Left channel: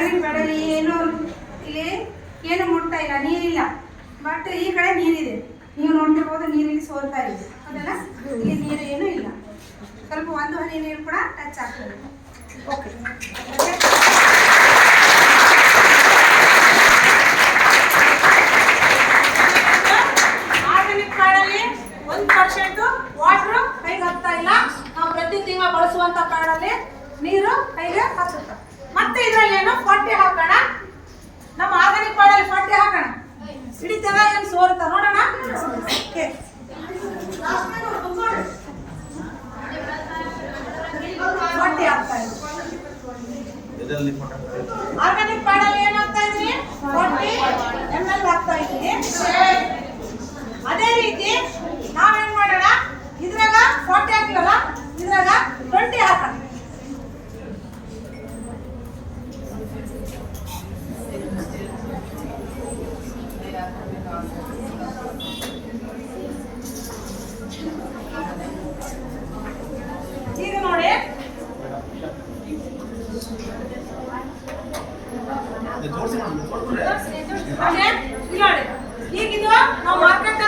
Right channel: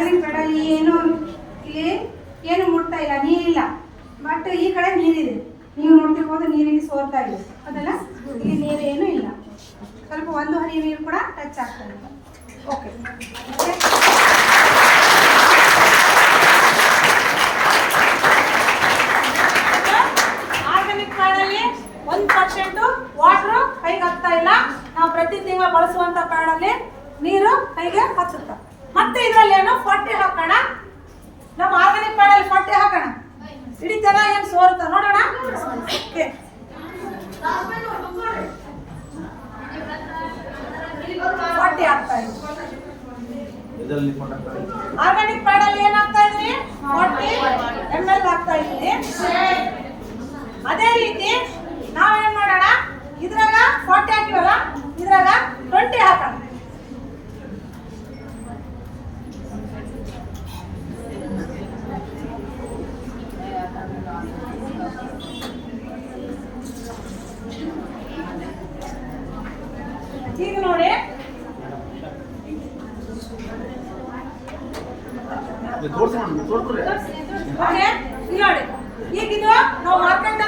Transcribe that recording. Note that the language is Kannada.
ಆರ್ಗ್ಯಾನಿಕ್ ಬೇಡ ಏನು ಇಲ್ಲಿ ಏನು ಮುಟ್ತಾ ಇಲ್ಲ, ನೀರಿಲ್ಲ. ಬಟ್ ಈ ಕಡೆ ನೀರಿದೆ, ನೀವು ನೋಡ್ತಿರ್ಬೋದು ನೀರಿಲ್ಲಿ ಸೋರ್ತಾ ಇದೆ ಅದಲ್ಲ, ಇಲ್ಲಿ ನೀರು ಏನೂ ಇಲ್ಲ. ಸ್ವಲ್ಪ ಒಂದು ಹನಿ ನೀರು ಕೂಡ ಟಚ್ ಆಗ್ತಾ ಇಲ್ಲ. ಓಕೆ, ಆರ್ಗ್ಯಾನಿಕ್ ಕಾಡಲ್ಲಿ 1% ವಾಟರ್ ಕೈಗೆ ಹತ್ತಾ ಇಲ್ಲ. ನಾವು ಪ್ರತಿ ತಿಂಗಳು ಬಳಸುವಂತ ಕಾಡಲ್ಲಿ ನೀರು ಕೈಗೆ ಹತ್ತುತ್ತ. ಮತ್ತೆ ಇದರಲ್ಲಿ ಏನೋ ಪಟ್ಟೆ ಹಾಕೋಣ, ನಮ್ಮ ಆರ್ಗ್ಯಾನಿಕ್ ಕಾಡಲ್ಲಿ ಪಟ್ಟೆ ಹಾಕೋಣ, ಇಡೀ ಚೆನ್ನಾಗಿ ಏನು ಸೋರುತ್ತ ನೋಡೋಣ. ಪಟ್ಟೆ ಹಾಕ್ತಾ ಇದ್ವಿ ಆರ್ಗ್ಯಾನಿಕ್ ಕಾಡಲ್ಲಿ ಏನ್ ಹಾಕ್ತಾ ಇದ್ರಿ, 40 ml ಹಾಕ್ತಾ ಇದ್ವಿ. ಅದೇ ರೀತಿ ನಾವೇನ್ ಮಾಡೋಣ, ಇದ್ರಾಗ 40 ಹಾಕಿವಲ್ಲ, ಇದ್ರಾಗ 20 ಹಾಕೋಣ. ಈಗ ನೋಡಿ ಈಗಿದು ನಾವು ಮಾರ್ಕೆಟ್